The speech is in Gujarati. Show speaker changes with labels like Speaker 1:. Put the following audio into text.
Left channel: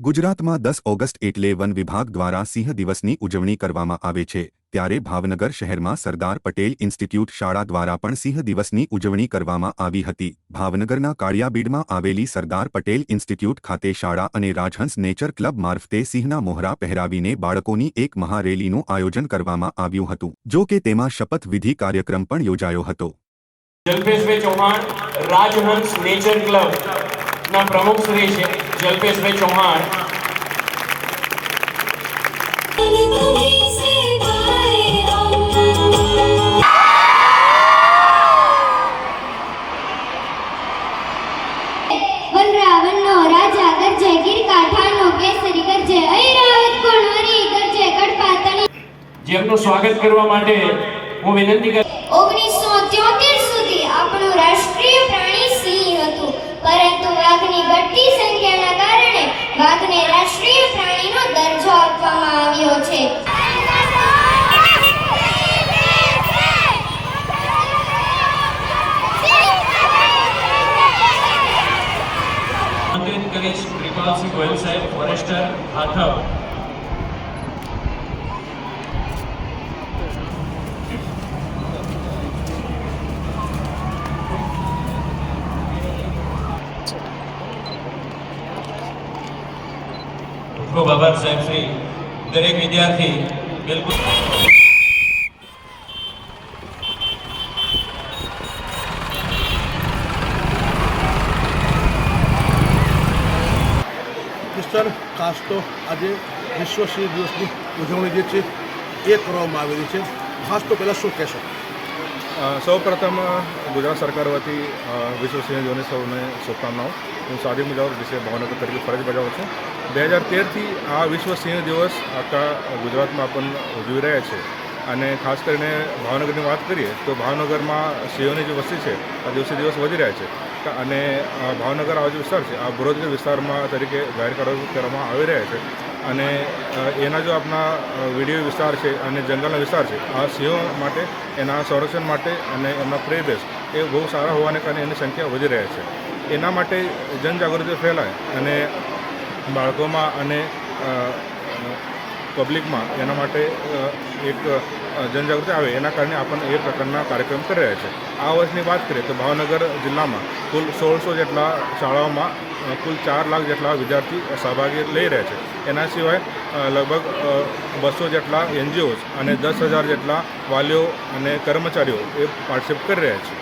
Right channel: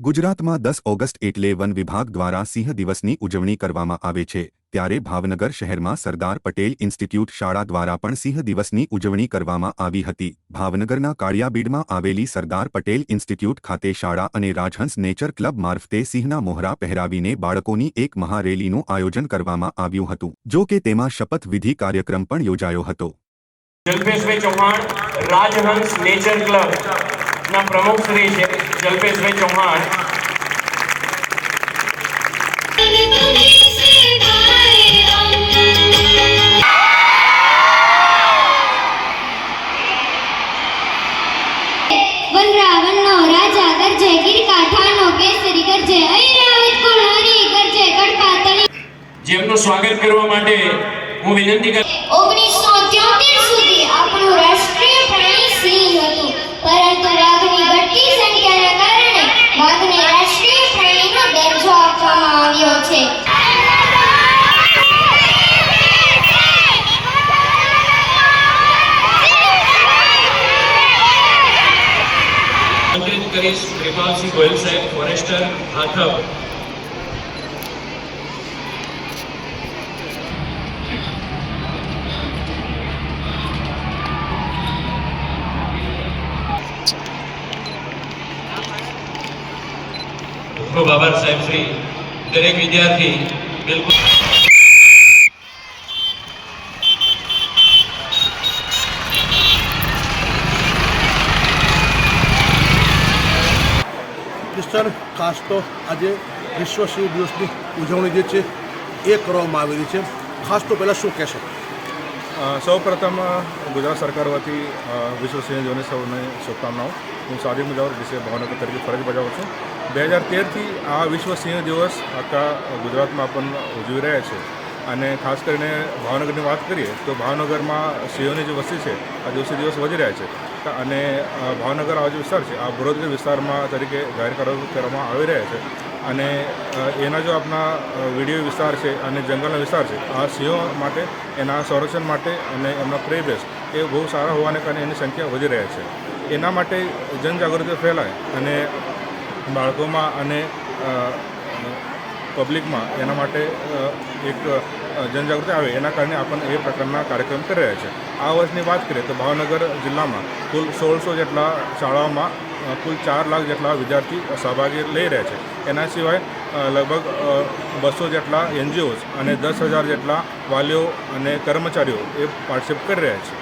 Speaker 1: ગુજરાતમાં દસ ઓગસ્ટ એટલે વન વિભાગ દ્વારા સિંહ દિવસની ઉજવણી કરવામાં આવે છે, ત્યારે ભાવનગર શહેરમાં સરદાર પટેલ ઇન્સ્ટિટ્યૂટ શાળા દ્વારા પણ સિંહ દિવસની ઉજવણી કરવામાં આવી હતી. ભાવનગરના કાળિયાબીડમાં આવેલી સરદાર પટેલ ઇન્સ્ટિટ્યૂટ ખાતે શાળા અને રાજહંસ નેચર ક્લબ મારફતે સિંહના મોહરા પહેરાવીને બાળકોની એક મહારેલીનું આયોજન કરવામાં આવ્યું હતું, જો કે તેમાં શપથવિધિ કાર્યક્રમ પણ યોજાયો હતો.
Speaker 2: ચૌહાણ, રાજહંસ નેચર ક્લબ પ્રમુખ શ્રી જલ્પેશભાઈ ચૌહાણ
Speaker 3: વનરાવનનો રાજા ગરજે ગીરકાંઠાનો કેસરી ગરજે ઐરાવત કુળહરી ગરજે કડપાતળી
Speaker 2: જેમનું સ્વાગત કરવા માટે હું વિનંતી કરું
Speaker 3: 1973
Speaker 2: કરીશ કૃપાલસિંહ ગોયલ સાહેબ ફોરેસ્ટર આથવ ખૂબ સાહેબ શ્રી દરેક વિદ્યાર્થી. બિલકુલ.
Speaker 4: મિસ્ટર ખાસ તો આજે વિશ્વ સિંહ દિવસની ઉજવણી જે છે એ કરવામાં આવેલી છે. ખાસ તો પહેલાં શું કહેશો?
Speaker 5: સૌ પ્રથમ ગુજરાત સરકાર વતી વિશ્વ સિંહ દિવસની સૌને શુભકામનાઓ. હું સાદી મુજાવર, ડીસી ભાવનગર તરીકે ફરજ બજાવું છું. બે હજાર તેરથી આ વિશ્વ સિંહ દિવસ આખા ગુજરાતમાં પણ ઉજવી રહ્યા છે. અને ખાસ કરીને ભાવનગરની વાત કરીએ, તો ભાવનગરમાં સિંહોની જે વસ્તી છે, આ દિવસે દિવસ વધી રહ્યા છે. અને ભાવનગર આ જે વિસ્તાર છે, આ બરોદગર વિસ્તારમાં તરીકે જાહેર કરવા- કરવામાં આવી રહ્યા છે. અને એના જો આપણા વીડિયો વિસ્તાર છે અને જંગલનો વિસ્તાર છે, આ સિંહો માટે, એના સંરક્ષણ માટે અને એમના પ્રેબેસ એ બહુ સારા હોવાને કારણે એની સંખ્યા વધી રહ્યા છે. એના માટે જનજાગૃતિ ફેલાય અને બાળકોમાં અને પબ્લિકમાં એના માટે એક જનજાગૃતિ આવે એના કારણે આપણને એ પ્રકારના કાર્યક્રમ કરી રહ્યા છે. આ વર્ષની વાત કરીએ તો ભાવનગર જિલ્લામાં કુલ સોળસો જેટલા શાળાઓમાં કુલ ચાર લાખ જેટલા વિદ્યાર્થી સહભાગી લઈ રહ્યા છે. એના સિવાય લગભગ બસો જેટલા એનજીઓઝ અને દસ હજાર જેટલા વાલીઓ અને કર્મચારીઓ એ પાર્ટિસિપેટ કરી રહ્યા છે.